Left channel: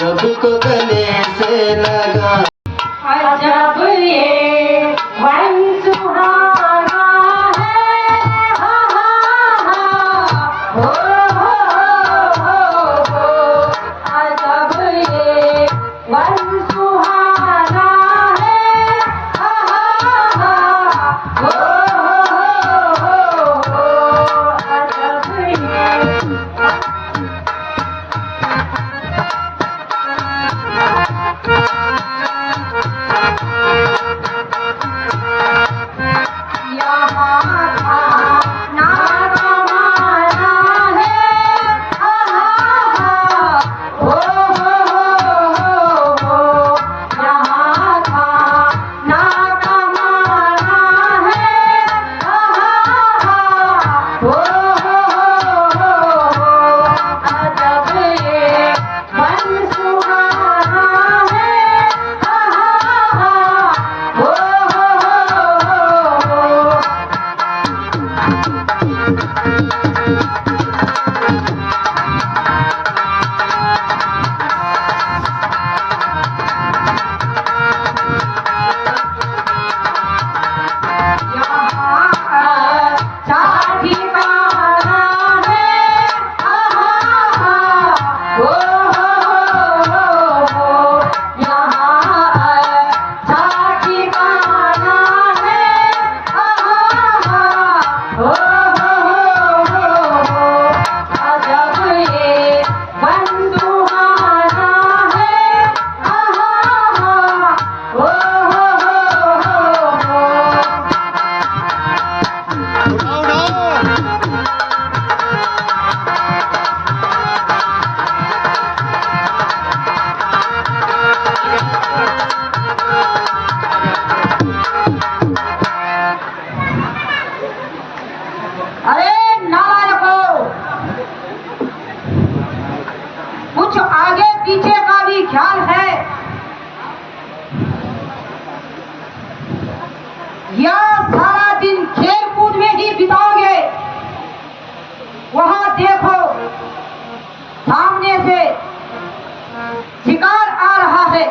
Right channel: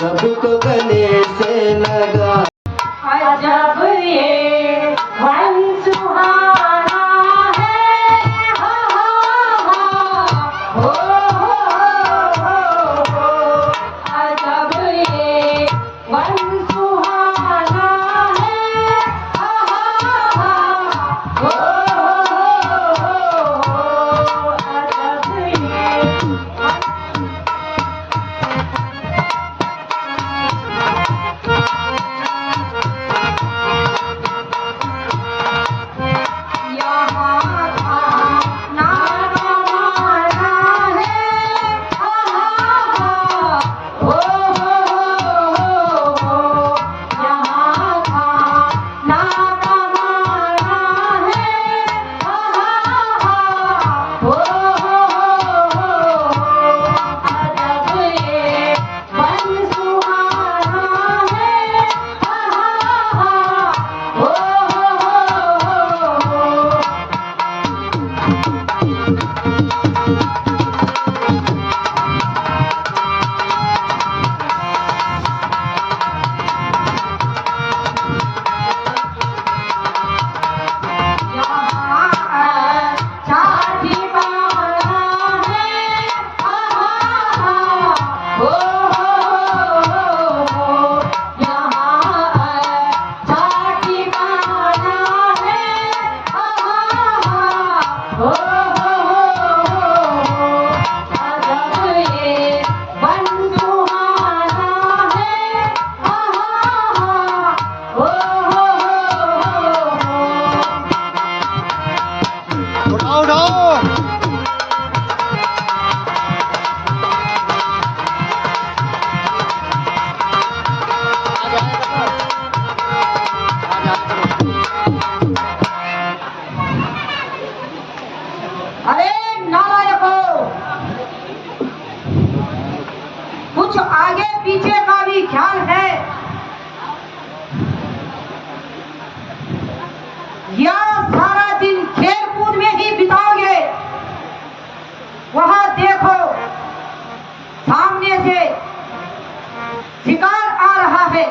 सबको गले से लगा अजब ये वन सुहाना है, हा हा हा, हो अजब ये वन सुहाना है, हा हा हो अजब ये कुछ आगे पीछे का भी ख्याल है या सारा दिन खेल कूद में ही बिताओगे? वहां देखो सामने से शिकार आ रहा है।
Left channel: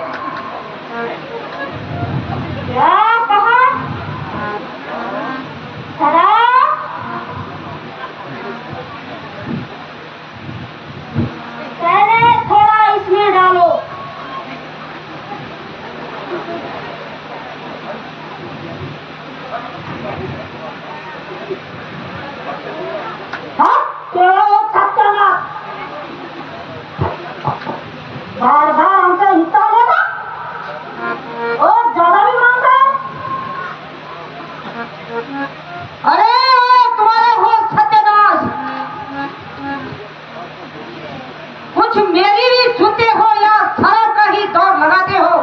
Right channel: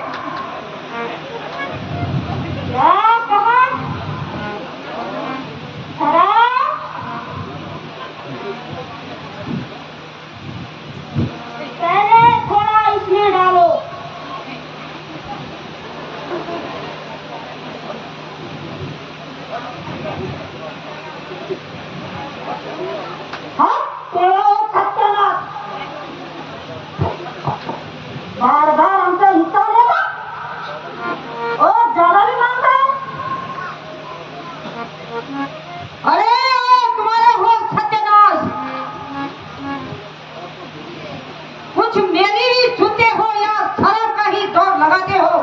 क्या कहा? पहले थोड़ा इसमें डालो। हाँ बार बार हमसे हिस्सा लेगा और ज्यादा भी मांगता है। अरे तुम्हारे हो सत्यानाश, कुछ मेरी भी सुनते हो या सड़क का ही दौड़ लगाते हो?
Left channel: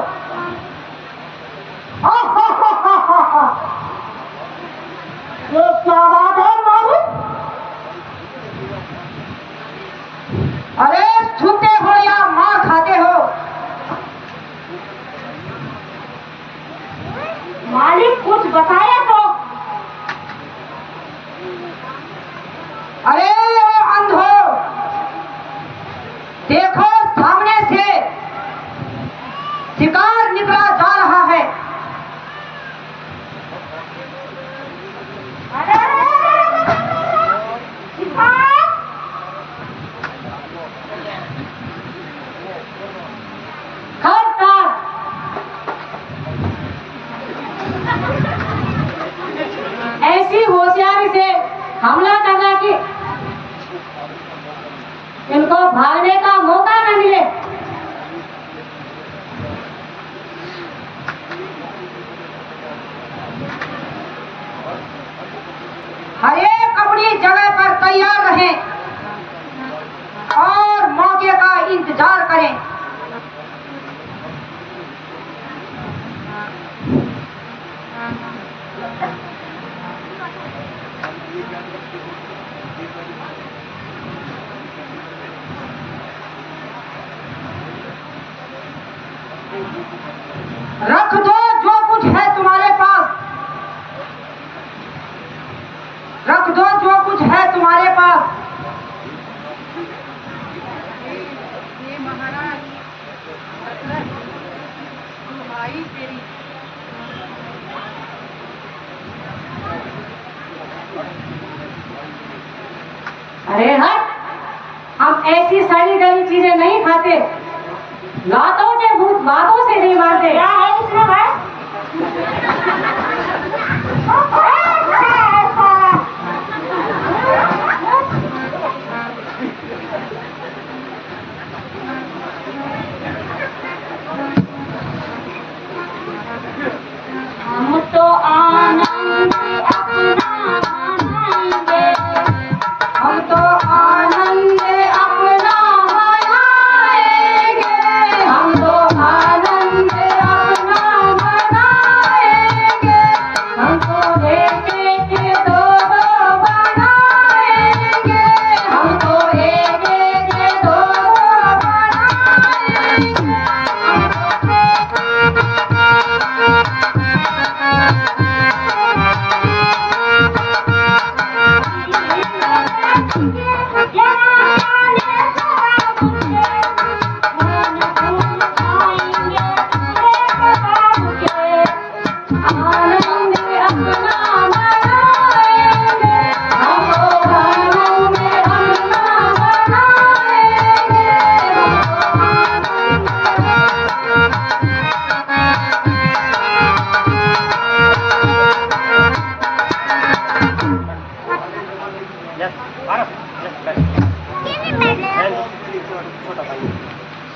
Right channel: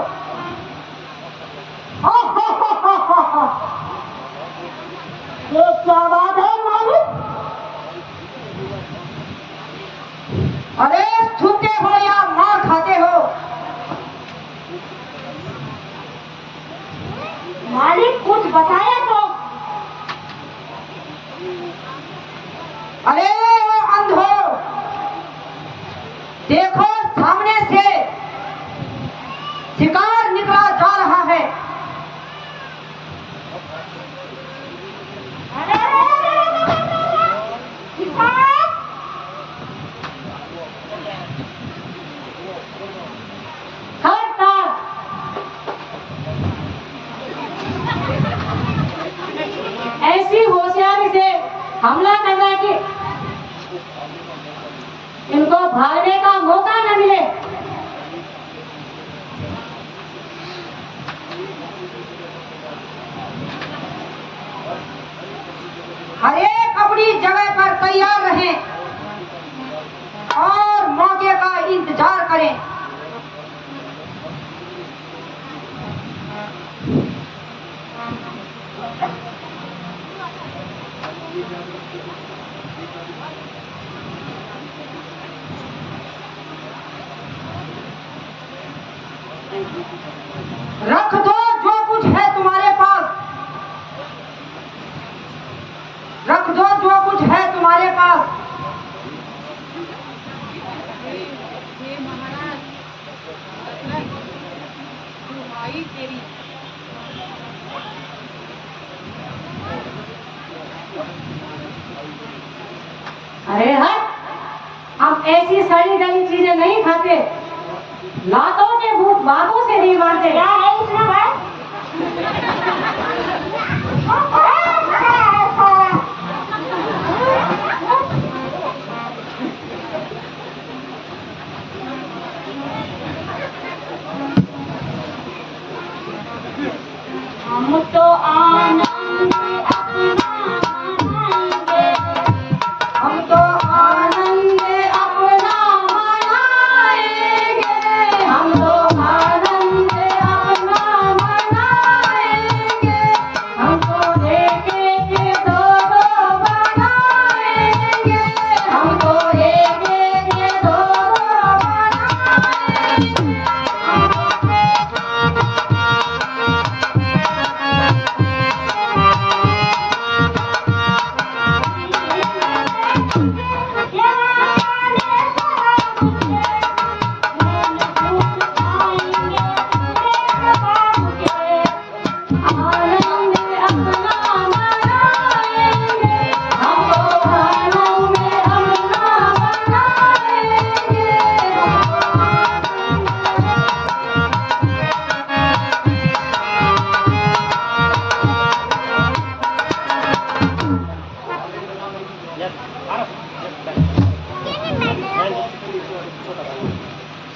ये क्या बात है मालिक? अरे सुनते हो या मार खाते हो? मालिक कुछ बताया तो। अरे अंधो, देखो सामने से शिकार निकला जा रहा है। अरे शिकार! ऐसी होशियारी से हमला करना कि इनको भागने का मौका न मिले। हर एक अपनी जगह पर तैयार रहें और मौके का इंतजार करें। रख दो जो कुछ है तुम्हारे पास, अरे हट, हम ऐसी सड़ी गली चीजें नहीं खाते। लातों के भूत बातों से नहीं मारते। क्या है इसमें भाई? हम तो आनंद अपना मनाएंगे, हम तो आनंद अपना मनाएंगे, हम तो आनंद अपना मनाएंगे, हम तो एक एक दो दो बनाएंगे, हम तो एक एक दो दो बनाएंगे।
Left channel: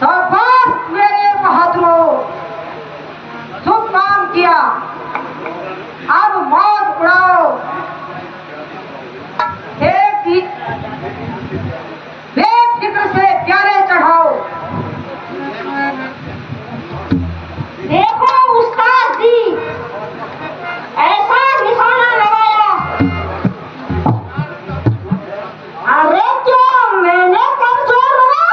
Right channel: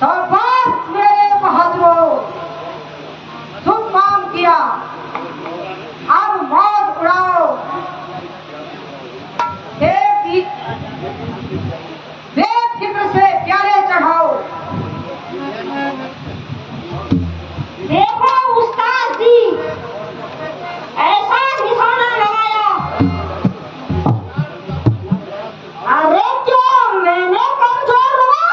शाबाश मेरे बहादुरों, तुम काम किया, अब मौज उड़ाओ। बेफिक्र से प्यारे चढ़ाओ। देखो उस्ताद जी, ऐसा निशाना लगाया। अरे क्या मैंने कमजोर हुआ?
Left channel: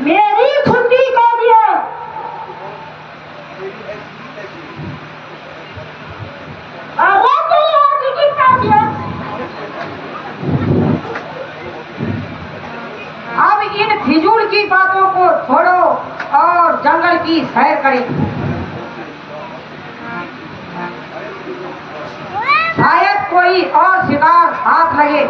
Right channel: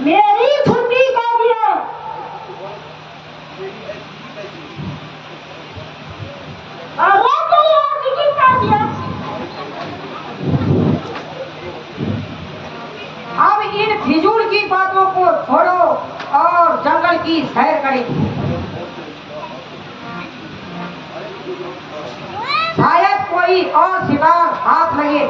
मेरी छुट्टी कर दिए। अरे तेरी और टिकट कर दिया। अब इन फिजूल की बातों को छोड़ो और जंगल की सैर करें। शायद कोई और शिकार हाथ लगे।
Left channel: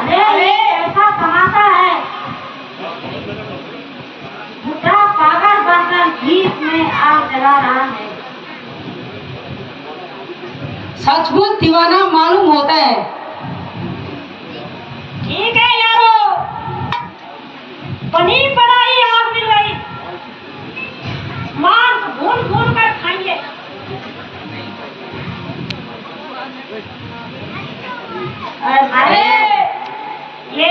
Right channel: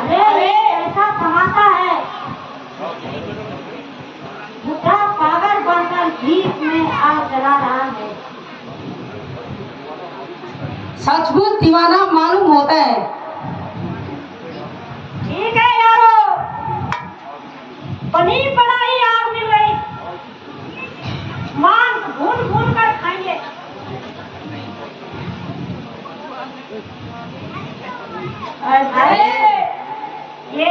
अरे ऐसा तमाशा है, दूसरा पागल बनकर जीप में आग जला रहा है। सचमुच दीवाना मालूम होता है। ठीक है यारो, पनीर बनाई आग मिल गई, मांस भून भून कर खाएंगे। अरे ये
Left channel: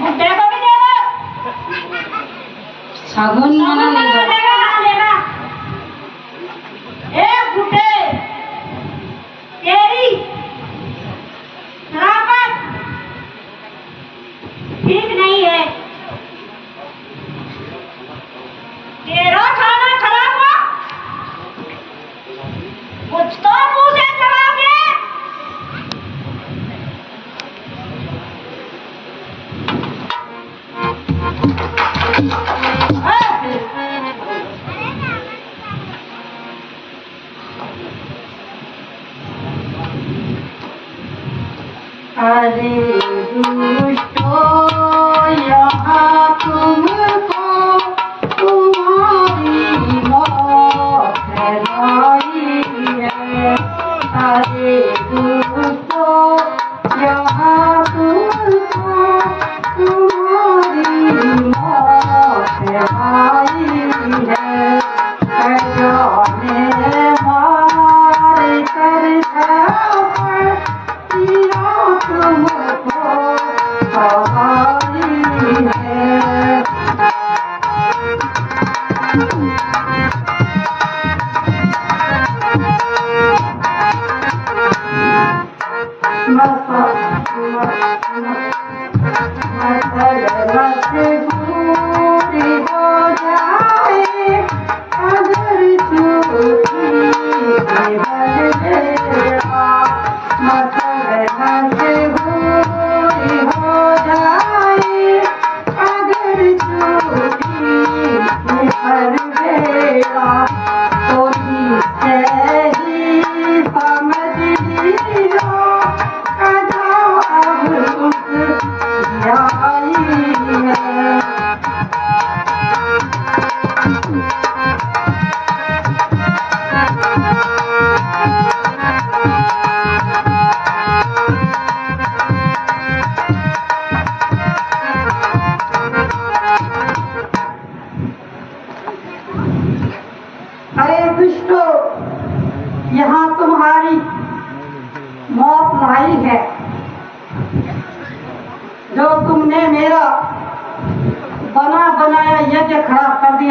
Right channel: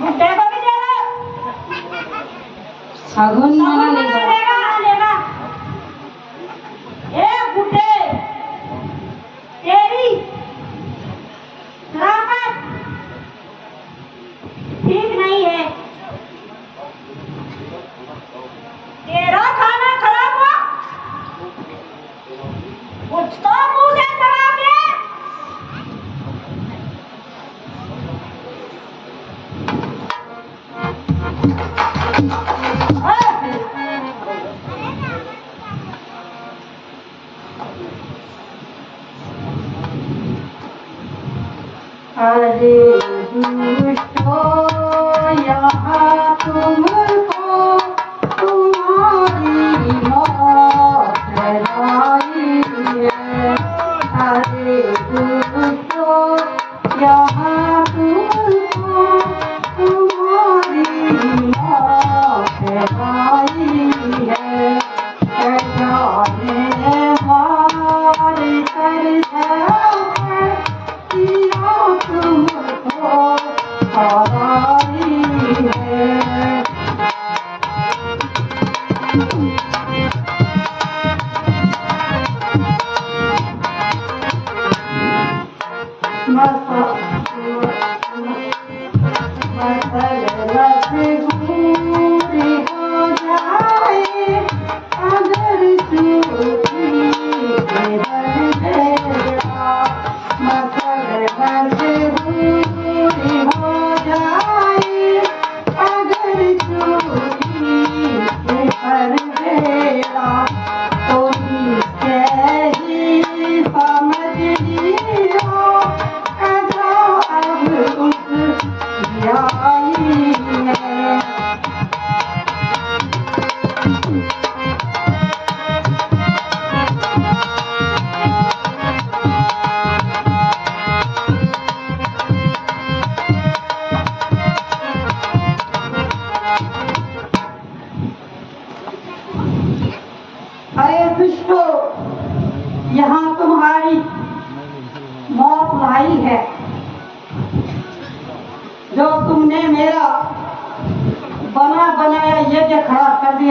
बुड्ढे को भी दे दो। साबुन मना नहीं लेगा। बुड्ढे, तेरी शराबत ठीक नहीं है। तेरा खाना खराब हुआ, कुछ तो मुंह से जवाब दे।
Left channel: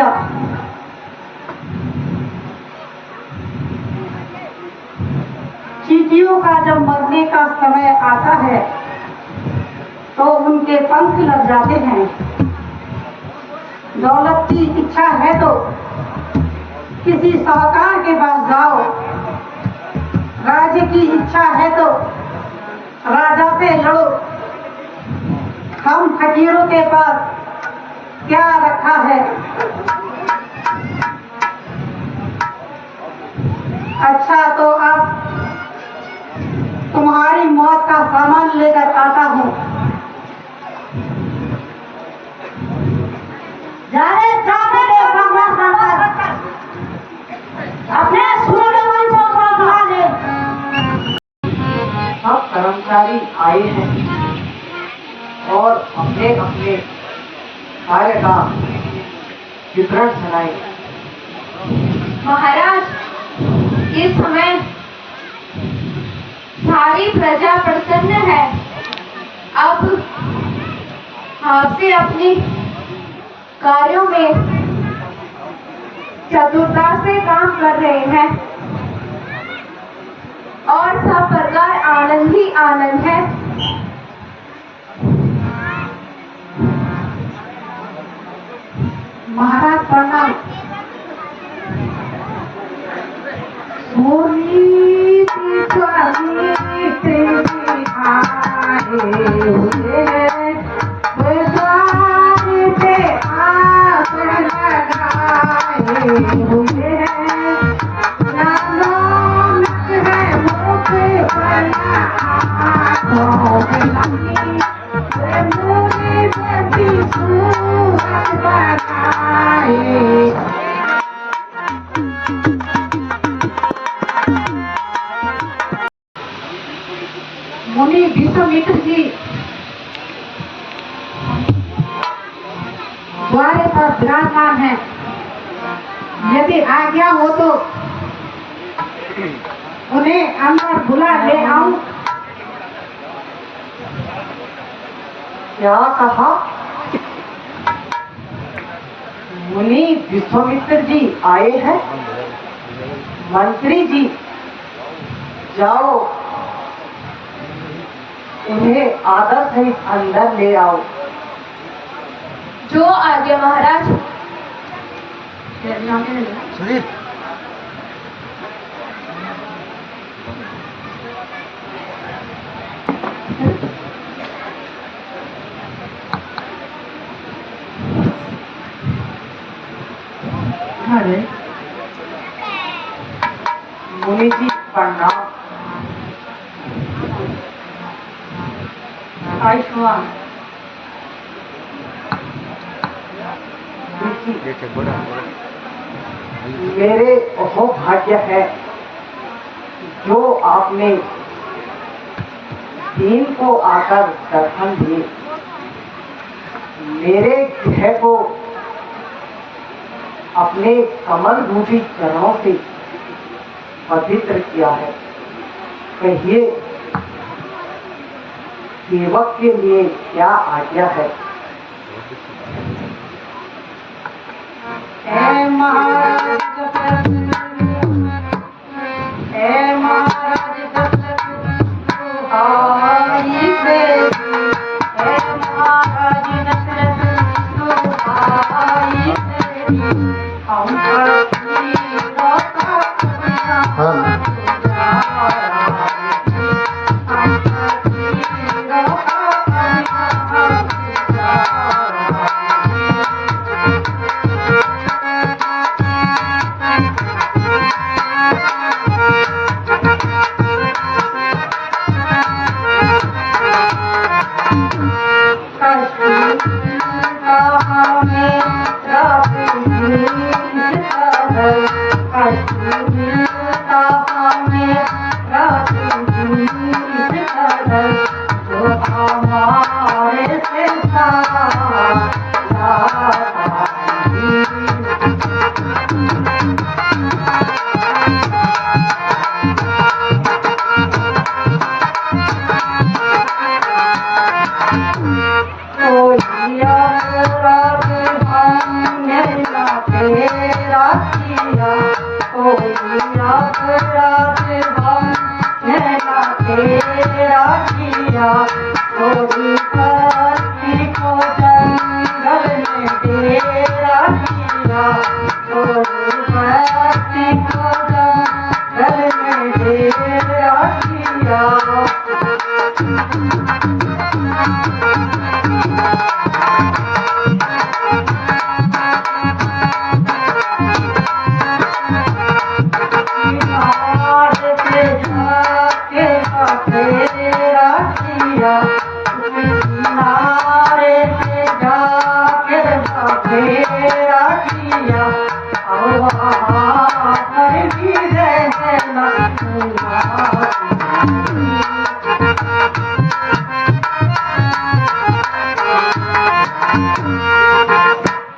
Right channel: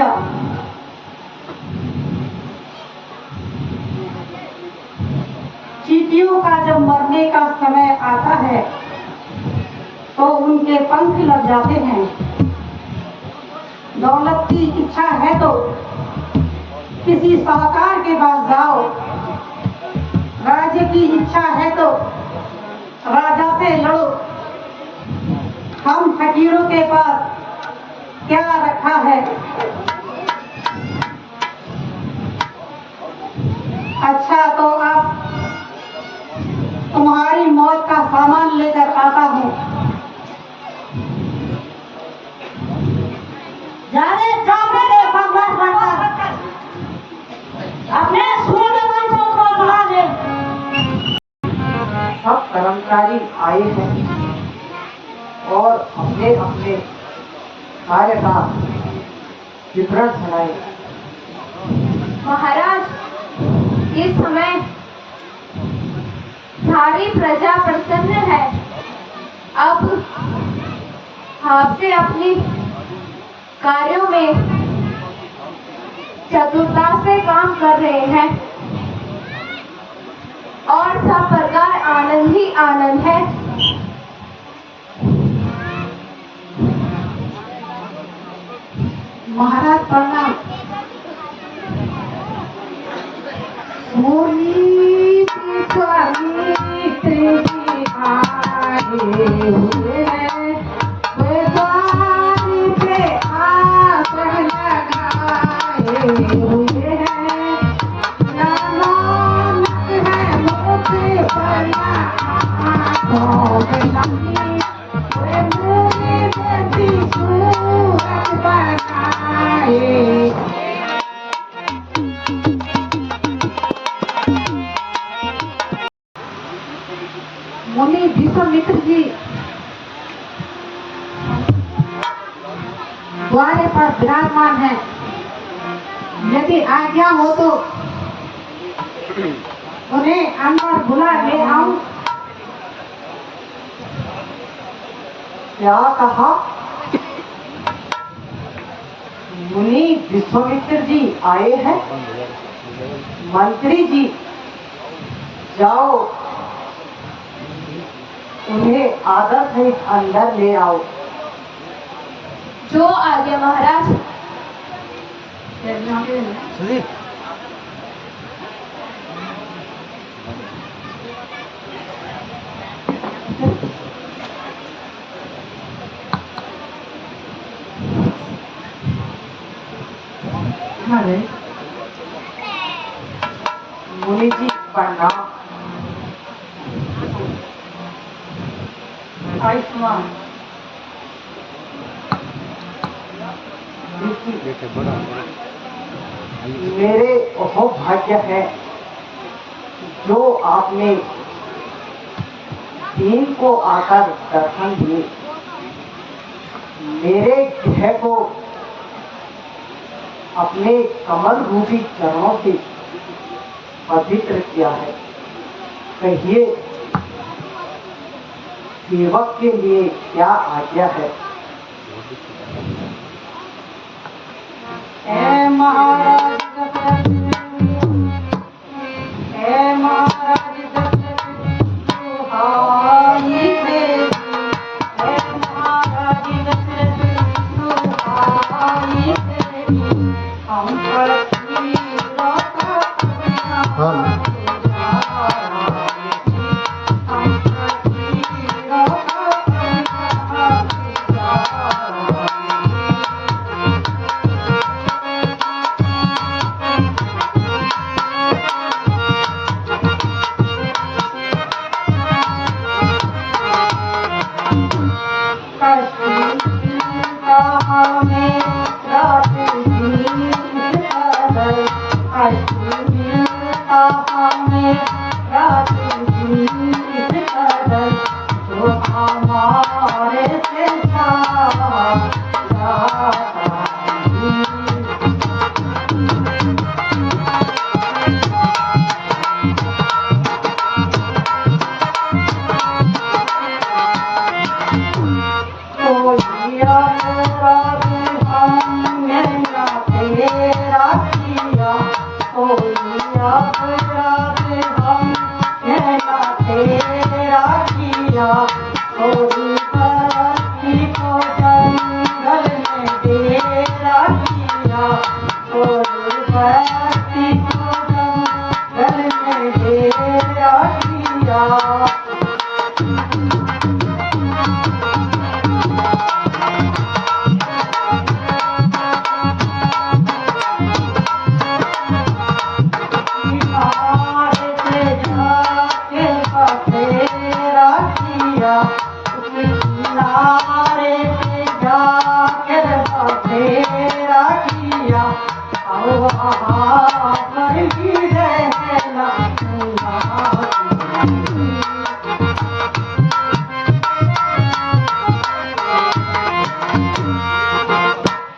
दिया। चींटियों का जब मरने का समय आता है तो उनके पंख लग जाते हैं। दौलत की इच्छा है तो किसी साहूकार के पास जाओ, राज्य की इच्छा है तो राजा से लड़ो। हम फकीरों के पास क्या रखा है? अच्छा तो अब तुम्हारी मौत का सामान लेकर आता हूँ। अपने सूर्यमन को बुला ले। सब कर्मचारी आए हैं और अपने अपने कार्य का विवरण सुनाए। महाराज, इस समय सारी प्रजा प्रसन्न है। अब आपसे अपने कार्यों में चतुरता से काम कर रहे हैं और सब प्रकार आनंद ही आनंद है। महाराज प्रणाम। मुनि विश्वामित्र जी द्वारे पर विराजमान है। यदि आज्ञा हो तो उन्हें अंदर बुला ले आऊं। क्या कहा? मुनि विश्वामित्र जी आए हैं? मंत्री जी जाओ, उन्हें आदर सहित अंदर ले आओ। जो आज्ञा महाराज। अरे मुनि जी प्रणाम। आयुष्मान मेरे वो भाग्य है जो आपने दीन को आकर दर्शन दिए, मेरे गृह को अपने कमल रूपी चरणों से पवित्र किया है। कहिए सेवक के लिए क्या आज्ञा है? हे महाराज दशरथ, हे महाराज दशरथ, सुहाई प्रेम। हे महाराज दशरथ, सुहाई प्रेम। हम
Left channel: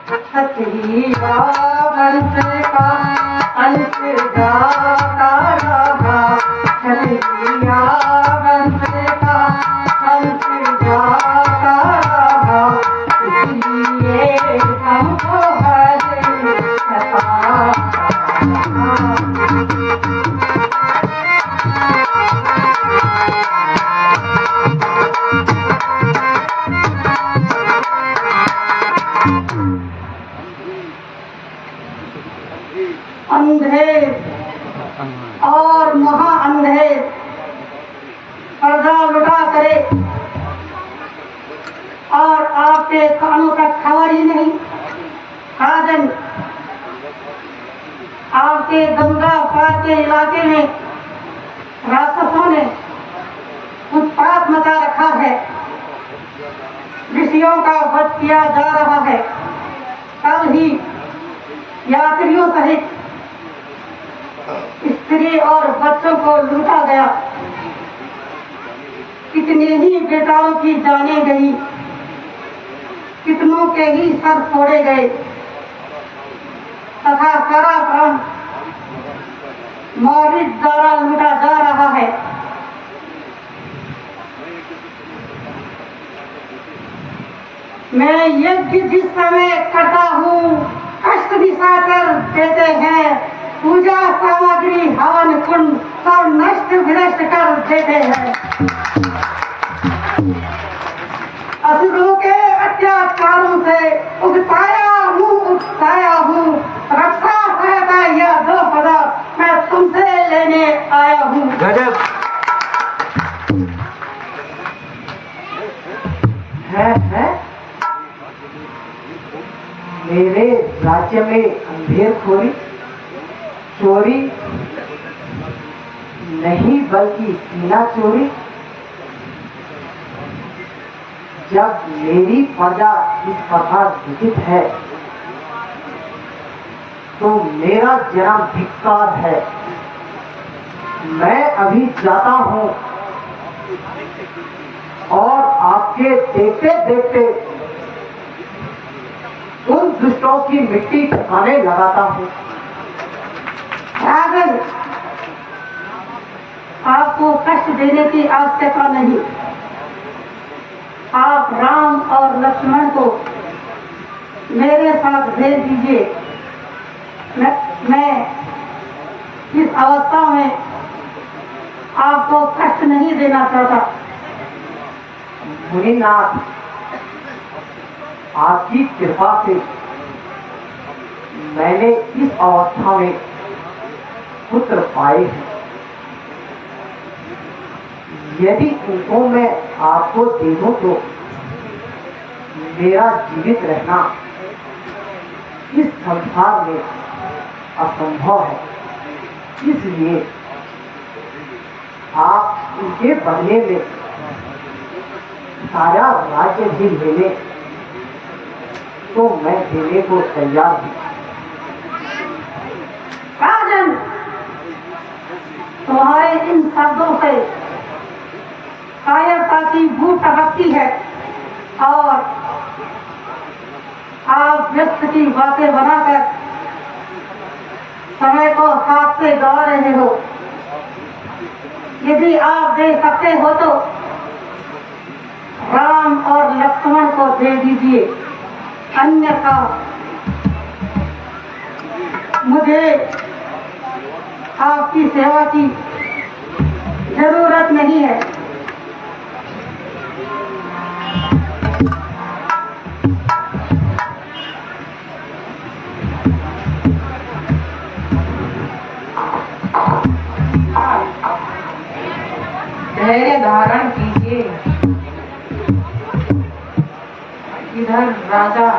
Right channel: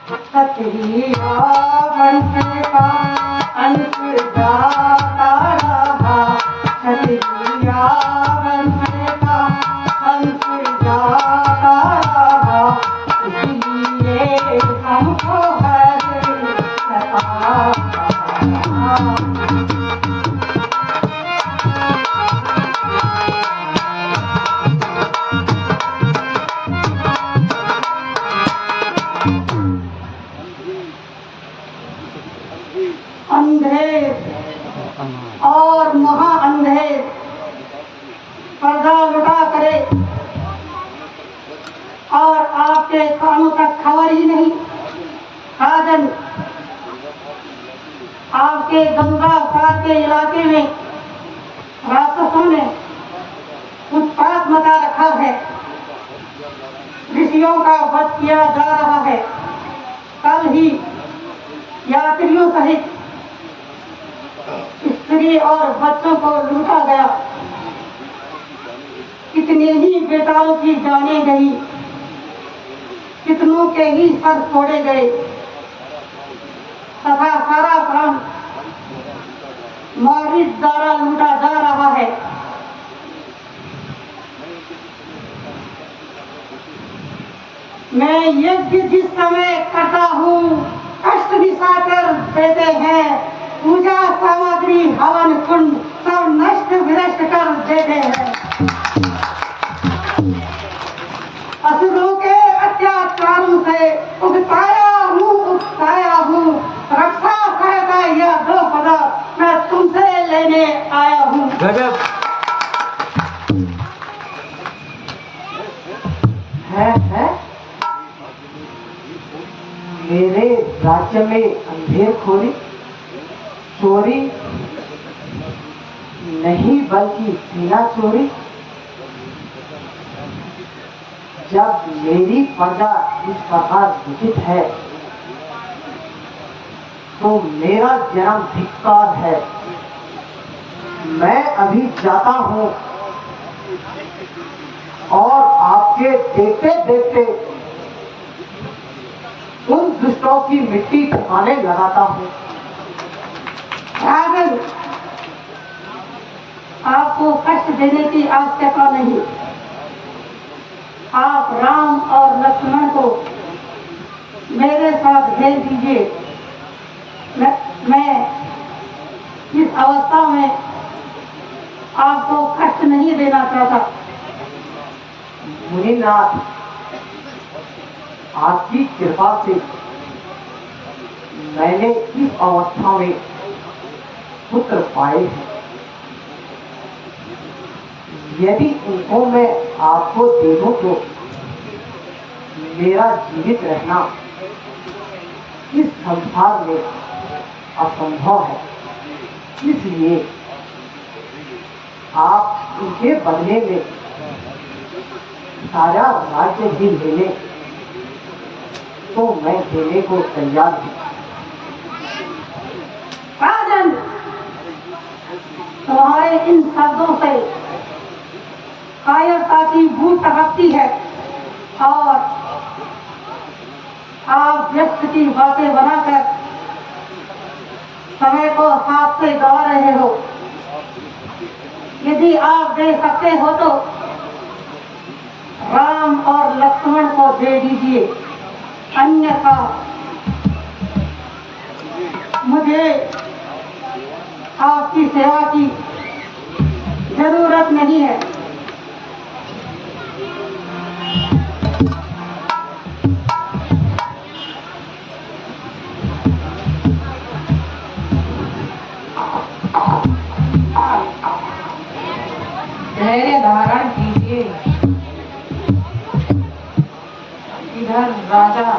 छतरी रावण से का अंत जाता रहा, छतरी रावण से का अंत जाता रहा, इसलिए हमको हरे सता। अंधेर और महाअंधेर पर्दा लुटा करे और आपके कानों तक खबर ही नहीं। राजन, आपके गंगा पार के इलाके में राक्षसों ने उत्पात मचा रखा है, ऋषियों का वध किया जा रहा है। कल ही यात्रियों सहित स्त्री और बच्चों को लूटा गया, कितने ही बेटाओं की जाने गई, कितनों के ही सर फोड़े गए तथा सारा प्राण मारिच द्वारा लूटा जा रहा है। मैं यज्ञ जिस समय करता हूँ, कष्ट दिशाकर देते हैं, पूजा सामग्री हवन कुंड सब नष्ट विनष्ट कर देते हैं। असुरों के अत्याचारों से उगताया हूँ, रक्षा सहायता यह 2 पदार्थ मैं तुमसे लेने आया हूँ। गजब है मेरे राज्य में अंधेरखोरी, चोरी नहीं बल्कि सीना चोरी। जब मेरी प्रजा इस प्रकार विजित है तो मेरा जन्म धिक्कार है। मैं अभी जाता हूँ और आपके देखते देखते उन दुष्टों की मिट्टी ठिकाने लगाता हूँ। रावण, आपको कष्ट देने की आवश्यकता नहीं। आप राम और लक्ष्मण को मेरे साथ भेज दीजिए। मैं इस अवस्था में आपको कष्ट नहीं देना चाहता। मुनिनाथ, आपकी कृपा से मैंने इस अवस्था में पुत्र पाए हैं। यदि उनको मैं आपको दे दूं तो मेरा जीवित रहना इस संसार में असंभव है। इसलिए आप उनके बदले में सारा राज्य भी ले लें तो मैं देने को तैयार हूँ। राजन, तुम्हारे इन शब्दों से कायरता की भूख टपकती है और आप व्यस्त की बातें बनाकर समय को हाथ से गवा रहे हो। यदि आप दे सकते हो तो राम और लक्ष्मण को दे दीजिए, अन्यथा मुझे आपकी सेवा की जरूरत नहीं है। धैर्य धारण कीजिए। इधर राजा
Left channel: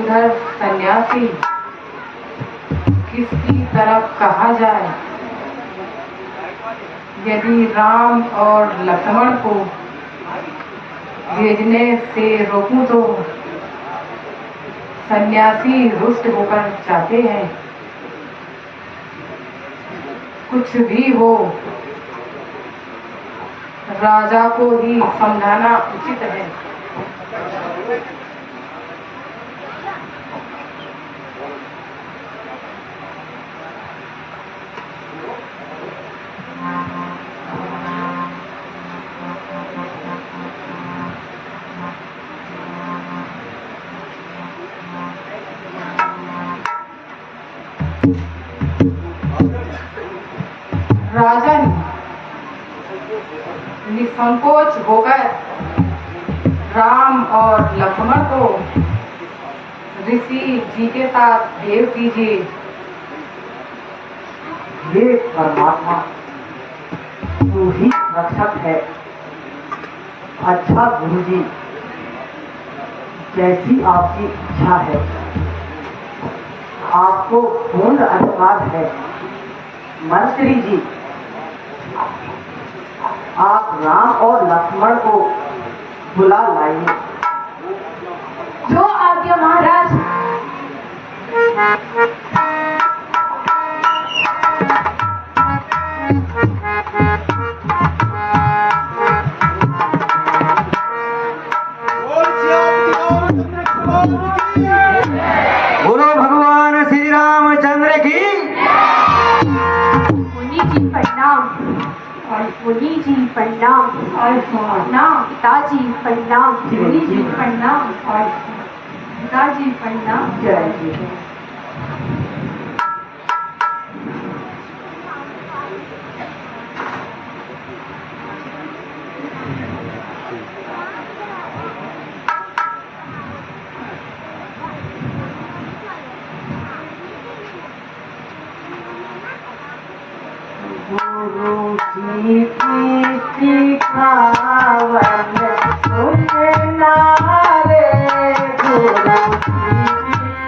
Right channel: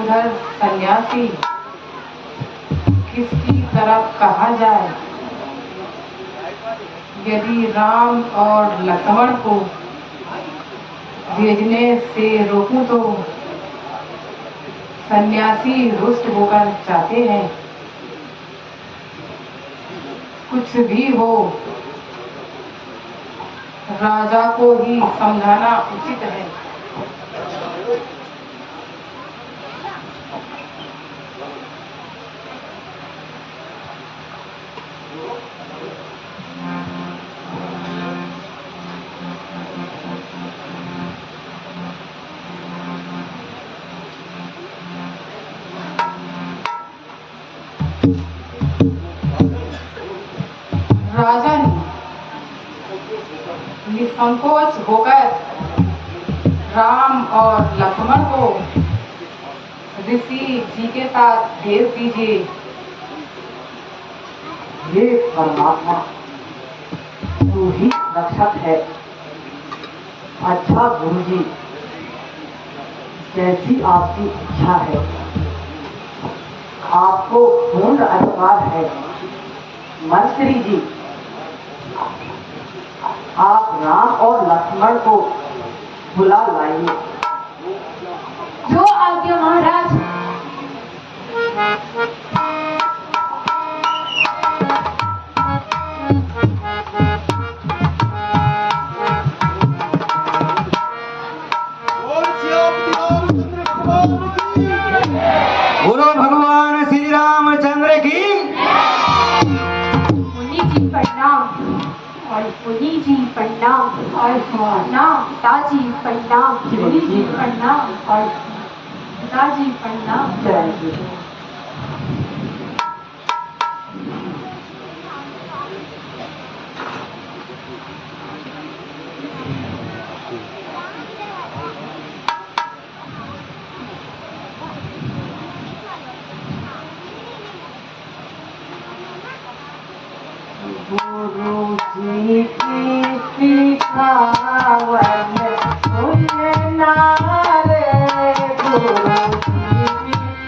उधर सन्यासी, किसकी तरफ कहा जाए। यदि राम और लक्ष्मण को भेजने से रोकूं तो सन्यासी रुष्ट होकर चाहते हैं। कुछ भी हो, राजा को ही समझाना उचित है। राजा ने निसंकोच होकर राम और लक्ष्मण को ऋषि जी के साथ भेज दीजिए। हे परमात्मा, तू ही रक्षक है। अच्छा गुरु जी, जैसी आपकी इच्छा है। आपको पूर्ण अधिकार है। मंत्री जी, आप राम और लक्ष्मण को बुला लाइए। जो आज्ञा महाराज। बोलो भगवान श्री रामचंद्र की। मुनि जी प्रणाम। और मुनि जी प्रणाम। और प्रणाम पिताजी प्रणाम। मुनि जी प्रणाम। और पिताजी प्रणाम। जय श्री गुरु जी की सिखावन सुनना रे। गुरु जी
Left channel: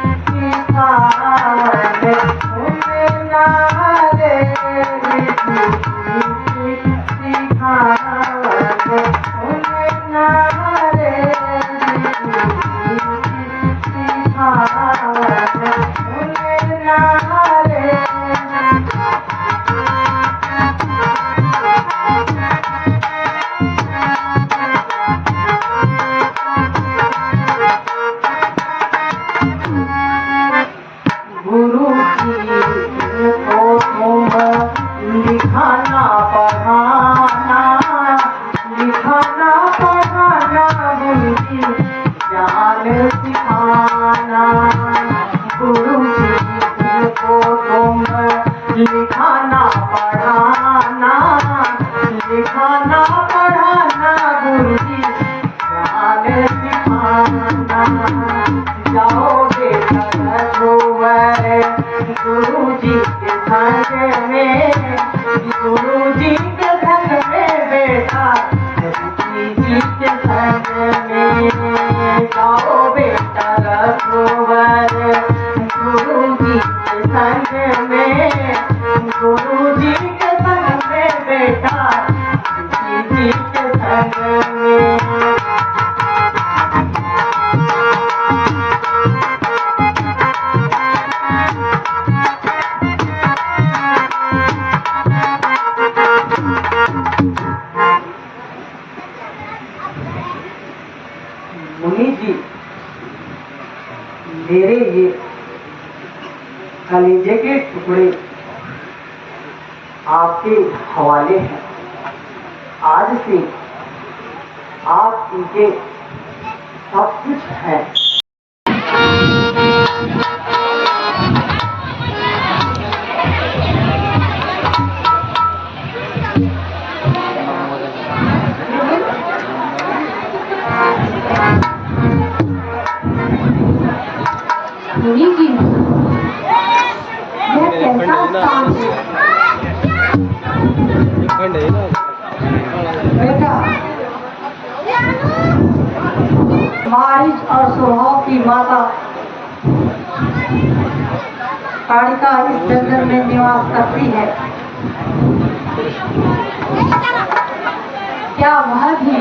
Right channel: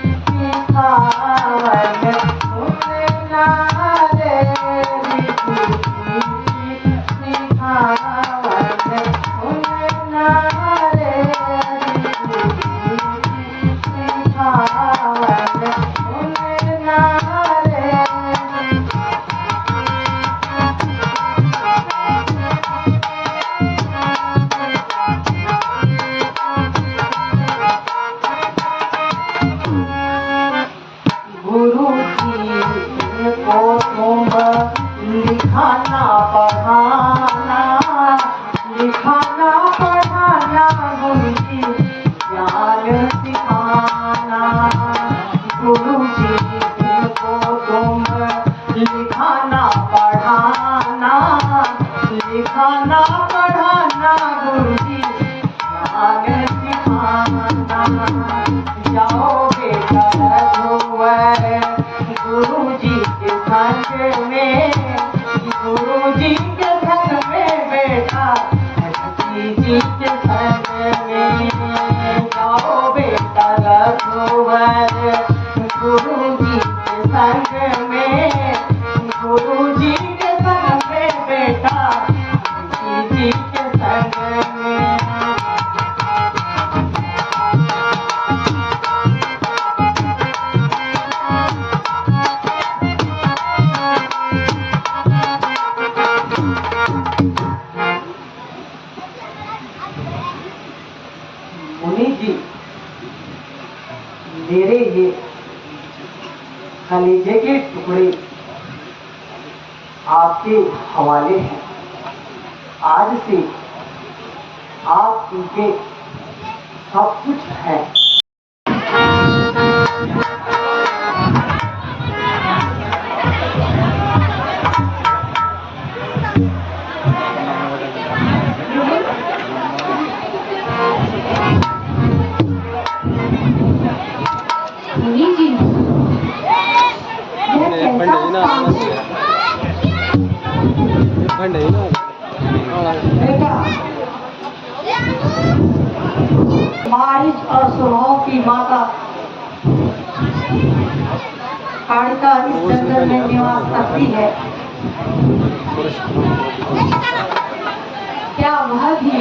की सिखावन सुनना रे। ऋषि जी की सिखावन सुनना रे। ऋषि जी की सिखावन सुनना रे। गुरु जी को तुम लिखाना पढ़ाना, लिखाना पढ़ाना गुरु जी ज्ञान सिखाना। गुरु जी को तुम लिखाना पढ़ाना, लिखाना पढ़ाना गुरु जी ज्ञान सिखाना। जाओ बेटा रघुवर गुरु जी के संग में, गुरु जी के संग में बेटा ऋषि जी के संग में। जाओ बेटा रघुवर गुरु जी के संग में, गुरु जी के संग में बेटा ऋषि जी के संग में। मुनि जी, मेरे ये कलेजे के टुकड़े आपके हवाले हैं। आज से आप इनके सब कुछ हैं। मुनि जी, यह कैसा स्थान है? बेटा, बारिश और स्वभाव की माता कालिका इस जंगल में निवास करती है। क्या वह भी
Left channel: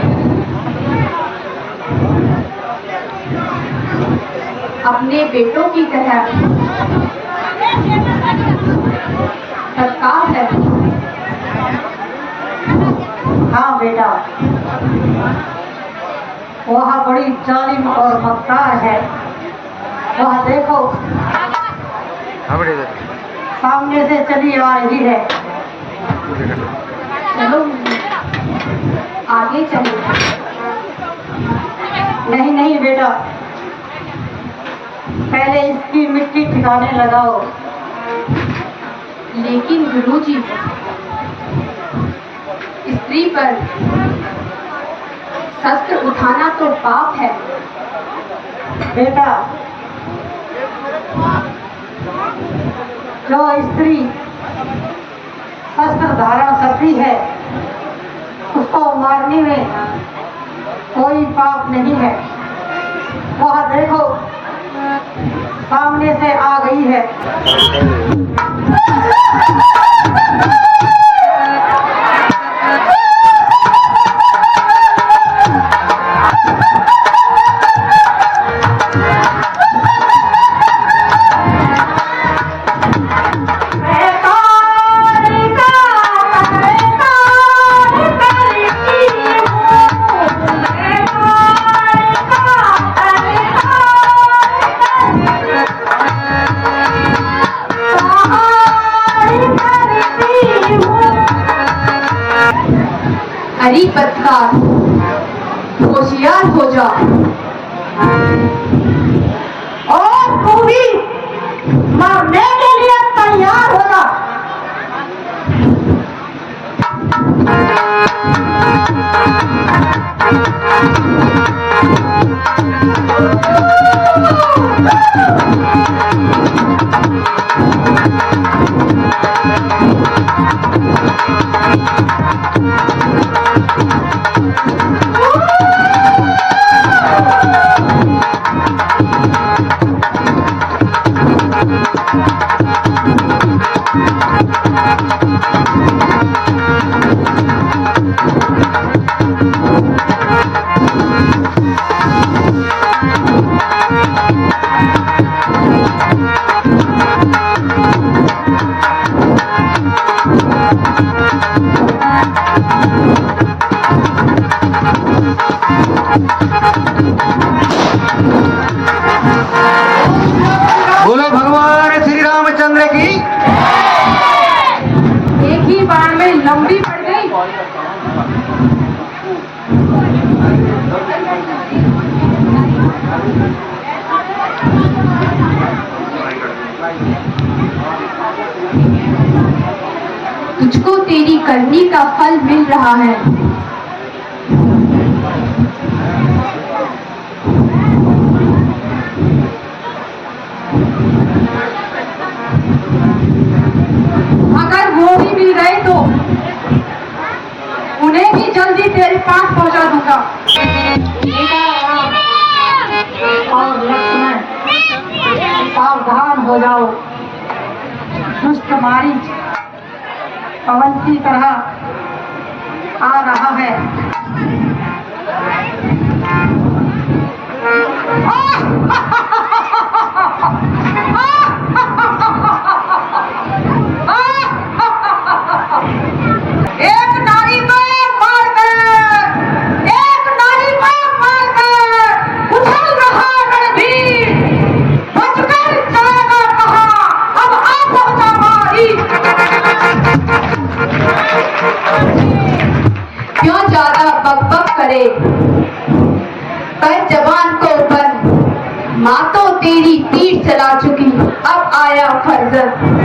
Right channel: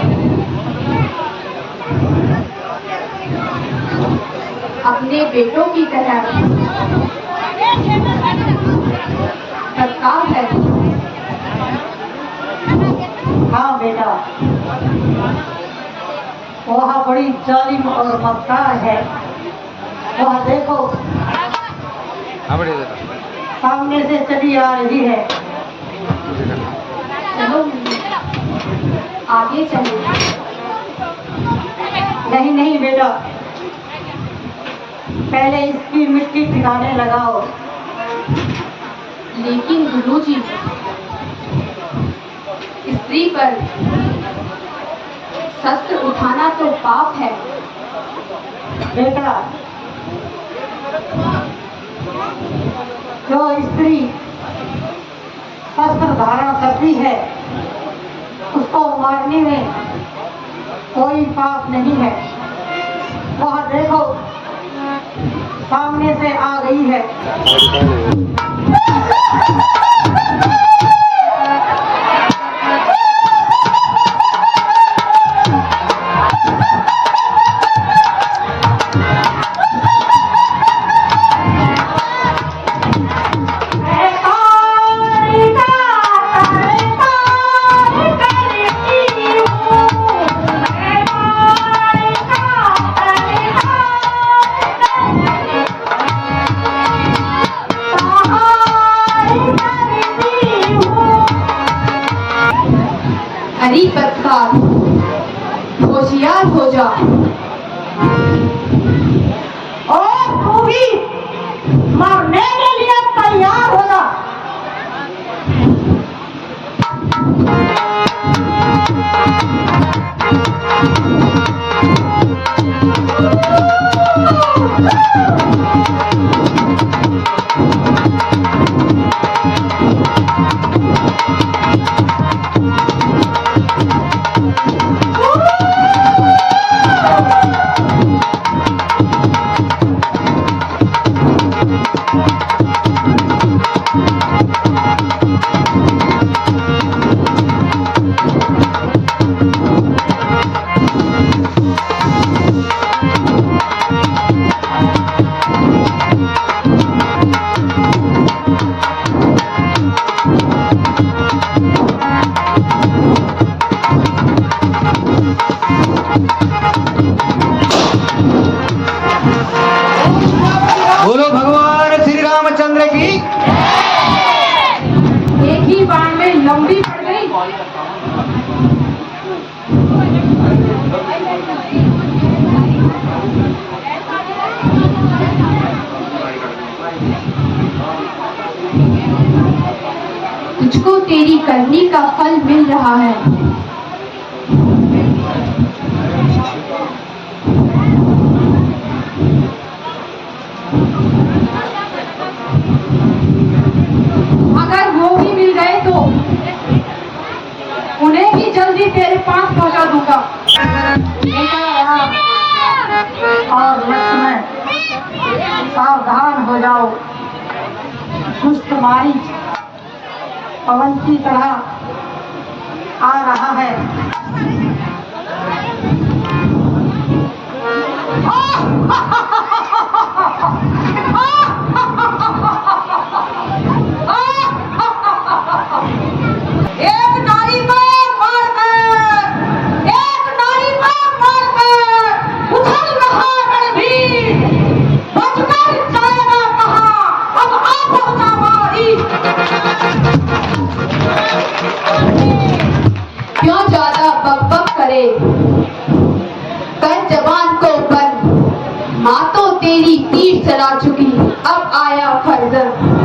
अपने बेटों की तरह सत्कार है? हाँ बेटा, वह बड़ी जालिम और मक्कार है। वह देखो सामने से चली आ रही है। चलो आगे चलो। नहीं नहीं बेटा, पहले इसकी मिट्टी ठिकाने लगाओ। लेकिन गुरुजी, स्त्री पर शस्त्र उठाना तो पाप है। बेटा, जो स्त्री शस्त्र धारण करती है उसको मारने में कोई पाप नहीं है। वह देखो सामने से आ गई है। हरी पत्थर, होशियार हो जा। और तू भी मरने के लिए तैयार हो जा। बोलो भगवान श्री रामचंद्र की। एक ही बार में लंबी पड़ गई। तुझको तेरी करनी का फल मिल रहा है। अगर वो भी मिल गए तो उन्हें भी जल्दी तेरे पास पहुंचा दूंगा। सीता राम और लक्ष्मण सावधान हो जाओ। दुष्ट मारीच पवन की तरह आ रहा है। एक नारी को मारकर, एक नारी को मारकर उछल रहा रणधीर, बचकर जाएगा कहाँ? अब आ पहुंचा मारी। क्यों ज्यादा बकबक करे, कर जवान को बंद। माँ तो तेरी तीर चला चुकी, अब आया फर्जंद।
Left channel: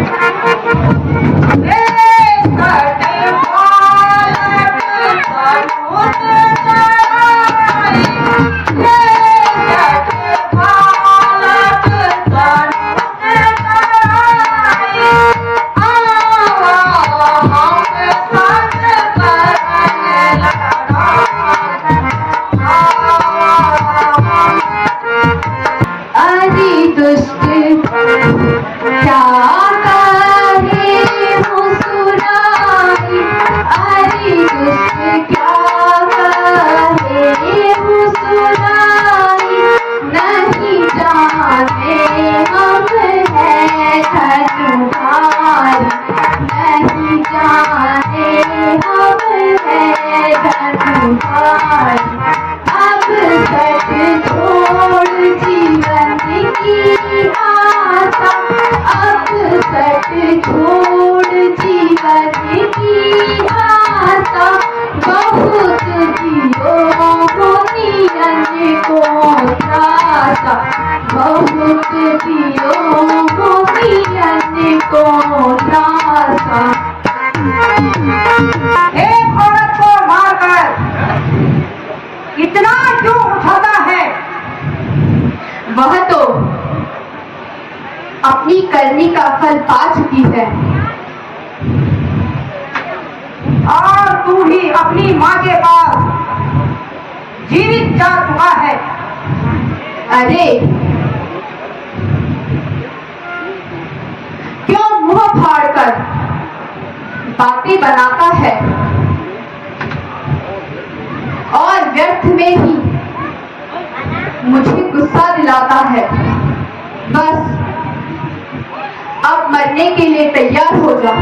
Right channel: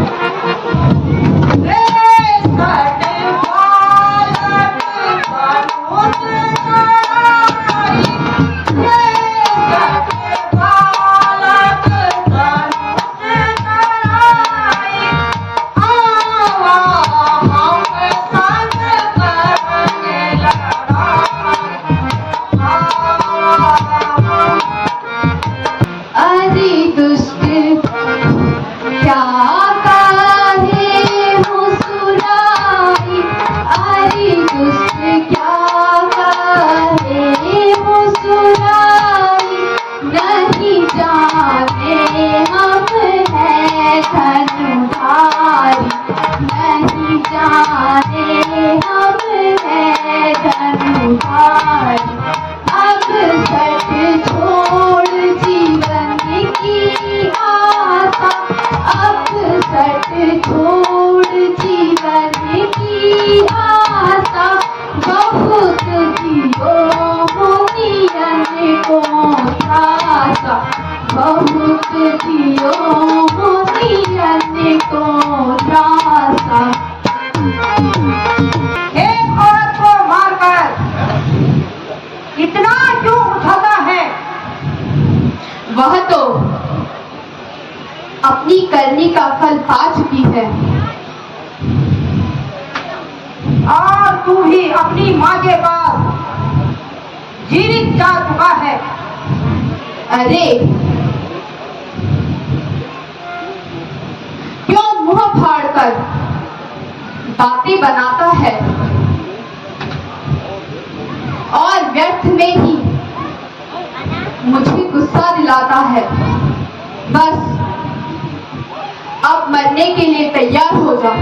बहुत जियो करनी का फल पा चुकी है। और तू भी अपनी माँ के पास जीवित जा चुका है। अरे क्यों मुंह फाड़कर बातें बनाता है और व्यर्थ में ही मुझे गुस्सा दिलाता है। बस अब मरने के लिए तैयार हो जा।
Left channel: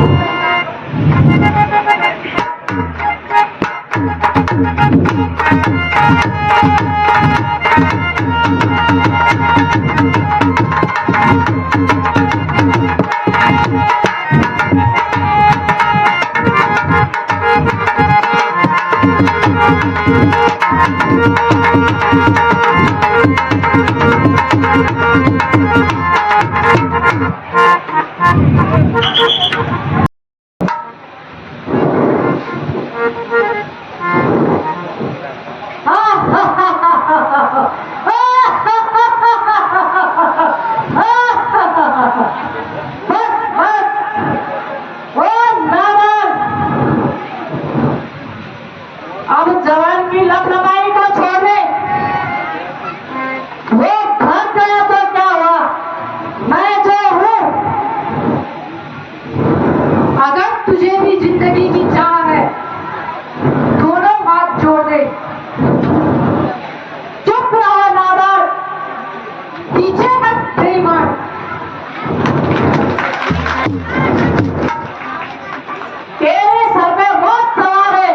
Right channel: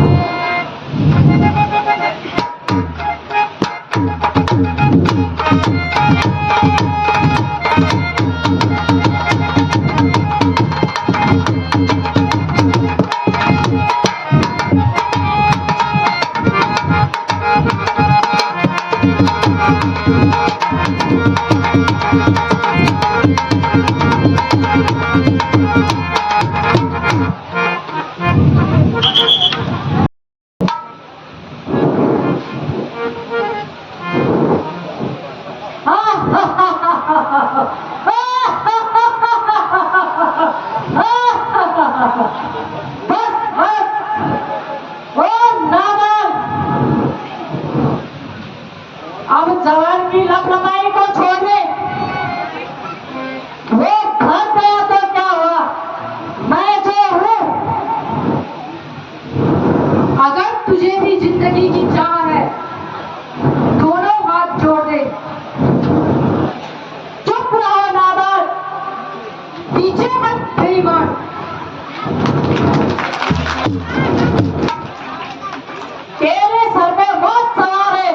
अब जवान की लपलपाई को छोड़ दे। वो भाग गया तो क्या हुआ, मैं जो हूं। अगर तुझे भी जिंदगी की चाह है, दोनों हाथ जोड़ दे। चुप रहो नादान, पीछे मत बेईमान। तेरे सर पे मौत सवार है,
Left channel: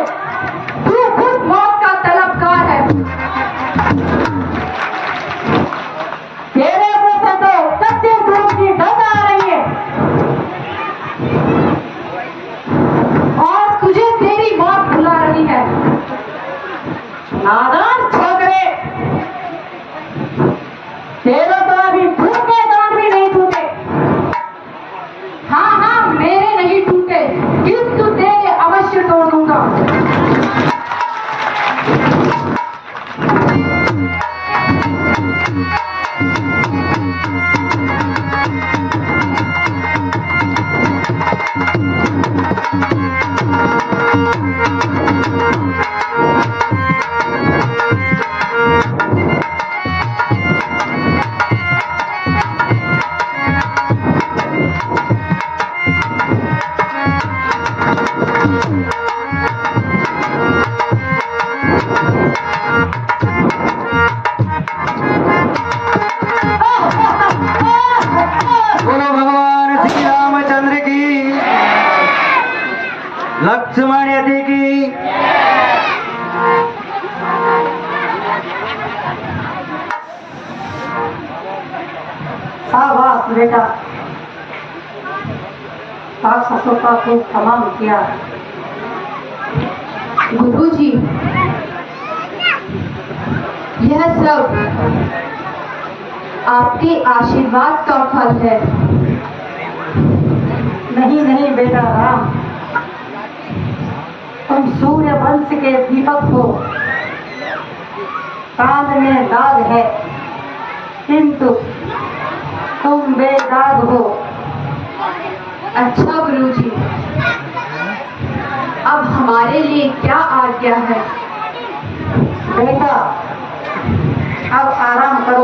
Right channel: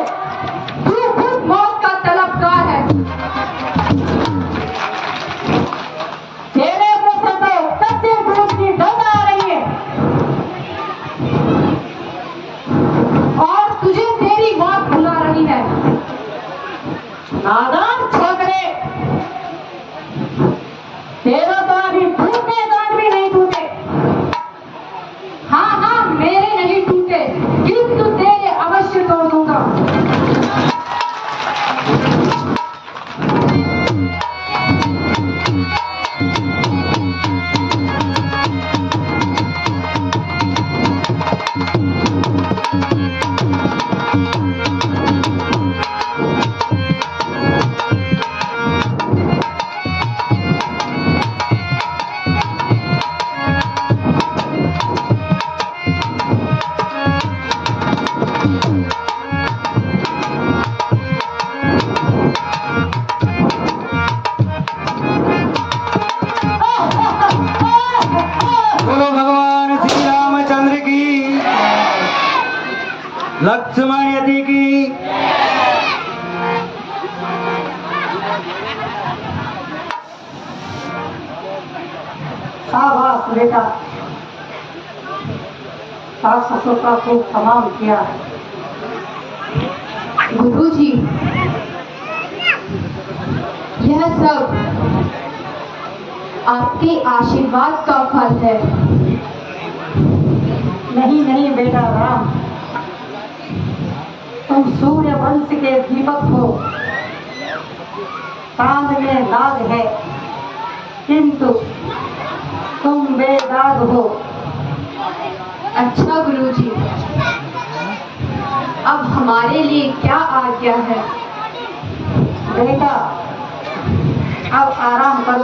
तू खुद मौत का तलबगार है। तेरे मुंह से तो कच्चे दूध की गंध आ रही है। और तुझे तेरी मौत बुला रही है। नादान छोकरे, तेरे तो अभी टूटे दांत भी नहीं टूटे। हाँ हाँ, मेरे नहीं टूटे, किंतु तेरे अवश्य तोड़ दूंगा। बोलो भगवान श्री रामचंद्र की, लक्ष्मण यति की। शाबाश बेटा, राक्षसों का खूब तमाम किया। गुरुजी, यह सब आपके आशीर्वाद का फल है। नहीं नहीं बेटा राम, तुम सूर्य वंश के दीपक हो। चांद में दाग है, किंतु तुम बेदाग हो। अच्छा गुरुजी, अब हमारे लिए क्या आज्ञा है? बेटा अब आराम करो।